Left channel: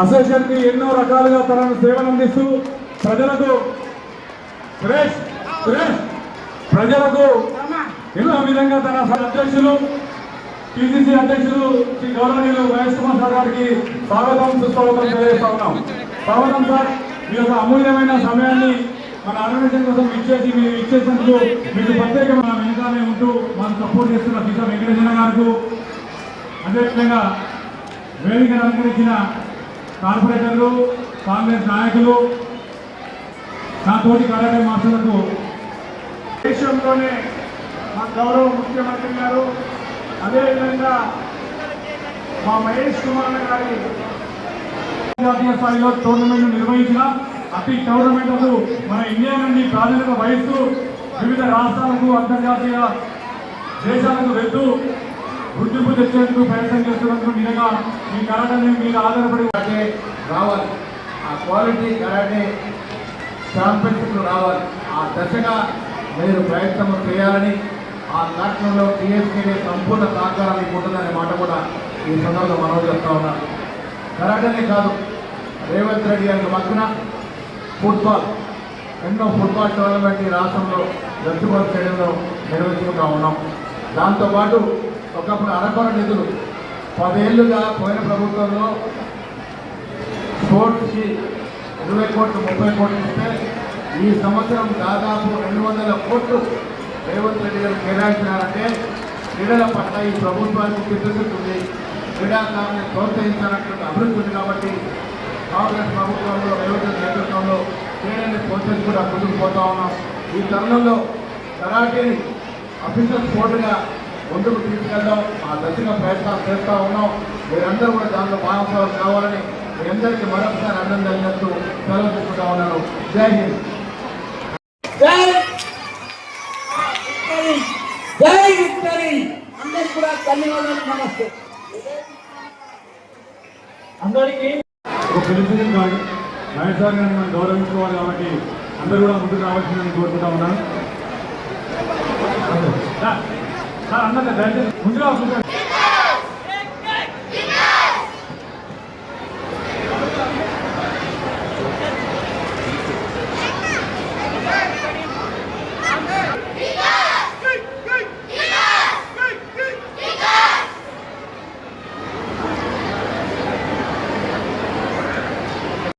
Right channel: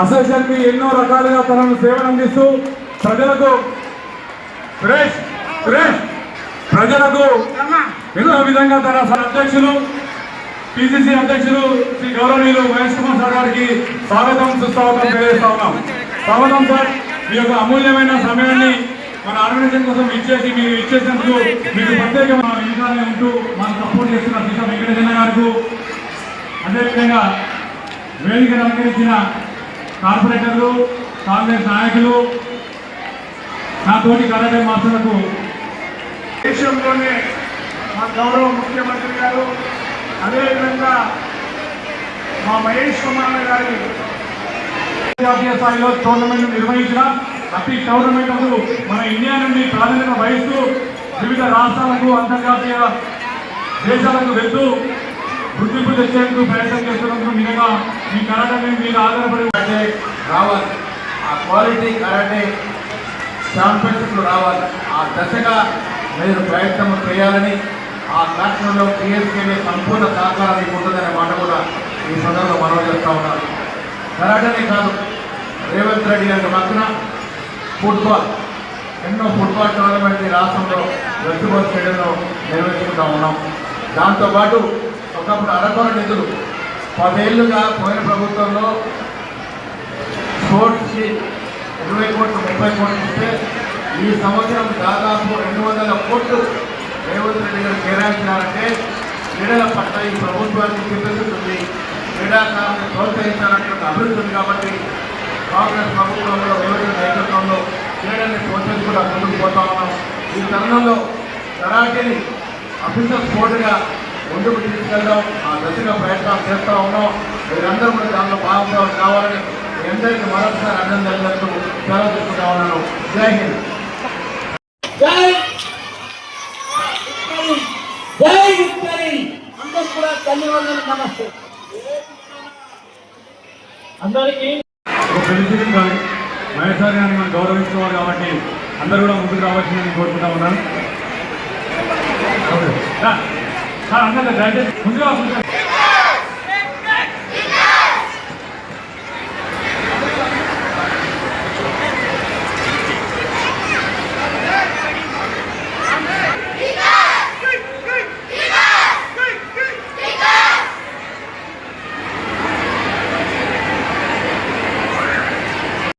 అసోసియేషన్కి ఎన్నో రకాలుగా తనను సేవలు అందిస్తూ ప్రజలకు ఎన్నో విధంగా తన అధ్యక్షులు పిసిసి అధ్యక్షులు శ్రీ గౌరవనీయులు వైఎస్ కుమార్ సార్ గారికి స్వాగతం సుస్వాగతం తెలియజేస్తా ఉన్నాం. స్వాగతం సార్. మీ యొక్క అమూల్యమైన సమయాన్ని మన ఆర్గనైజేషన్ కోసం మీరు ఇచ్చేసినందుకు మీకు ప్రత్యేకమైన వెనుకాలే ఉంటూ మనం సపోర్ట్ చేస్తున్న సీతా వెంకటేశ్వర గారికి, అదేవిధంగా వేదిక అలంకరించిన కార్పొరేటర్లు, కాంగ్రెస్ నాయకులు, నా తోటి కరాటే మాస్టర్లకు, దేశంలోనే మా గౌరవ ముఖ్యమంత్రి గారు, అదేవిధంగా మా మహేష్ కుమార్ గారి జాతీయ స్థాయిలో టోర్నమెంట్ నిర్వహించిన అతి టోర్నమెంట్లకు మన ఇండియా నుండి ప్రాధాన్యత వహిస్తూ వివిధ రాష్ట్రాలకు, అంతర్జాతీయ దేశాలకు వెళ్తూ గుర్తింపు తెచ్చేందుకు ప్రయత్నం చేస్తున్నందుకు నిజంగా మీ కరాటే మీద ఆధారపడి రావాలి. ఆ క్వాలిటీ కరాటే ఛాంపియన్షిప్ రావాలి. ఆ దశగా మీరు ప్రయత్నం చేయాలని, ఆ కార్యక్రమంలో పిఎస్కేని సంపూర్ణ సహకారం మీకు ఉంటుందనే మాట కూడా ఈ సందర్భంలో మనవి చేస్తూ ఉన్నారు. కరాటనే కాదు, రేవంత్ రెడ్డి గారి పక్కన ఫుట్బాల్, ఎన్నో ఫుట్బాల్ టోర్నమెంట్ ఈ రాష్ట్రంలో వెస్ట్బాల్ స్టేడియంలో నిర్వహించుకుంటూ ఉన్నాం. దాంతోపాటు ఒకప్పుడు అరకొర నిధులు 10 ఏళ్ళుగా పోయిన ప్రభుత్వంలో స్పోర్ట్స్కి 20 కోట్లు 30 కోట్లు ఇస్తే ఈ సంవత్సరం దాదాపు 200 కోట్లు రేవంత్ రెడ్డి గారు కేటాయించారంటే క్రీడల పట్ల ఈ ప్రభుత్వానికి చిత్తశుద్ధి, క్రీడాకారులను ప్రోత్సహించాలన్నటువంటి అభివృద్ధి ఉంది. కాబట్టి కాంగ్రెస్ ప్రభుత్వంలో రేవంత్ నాయకత్వంలో క్రీడల్ని ప్రోత్సహించి కూడా ముందుకు పోతా ఉన్నాం. ఈ తరుణంలో కరాటేని అఫీషియల్ స్పోర్ట్గా ముందుకు తీసుకెళ్దాం, ఆ దశగా ప్రయత్నాలు చేస్తూ ఉన్నాం. మీరందరూ కూడా దానిలో భాగస్వాములు కావాలని మీ అందరికీ మరొకసారి అభినందనలు సెలవు తీసుకుంటా ఉన్నాను. జై హింద్. జై విక్టరీ. అందరికీ కూడా ధన్యవాదాలు. నమస్తే. అందరికీ ఒక ప్రెసిడెంట్ గారు మహేష్ గారిని మనం గౌరవించుకోవాలి కాబట్టి అందరూ కూడా ముందుకు రావాల్సిందని కోరుకుంటా ఉన్నాను. అందరూ దయచేసి ముందుగా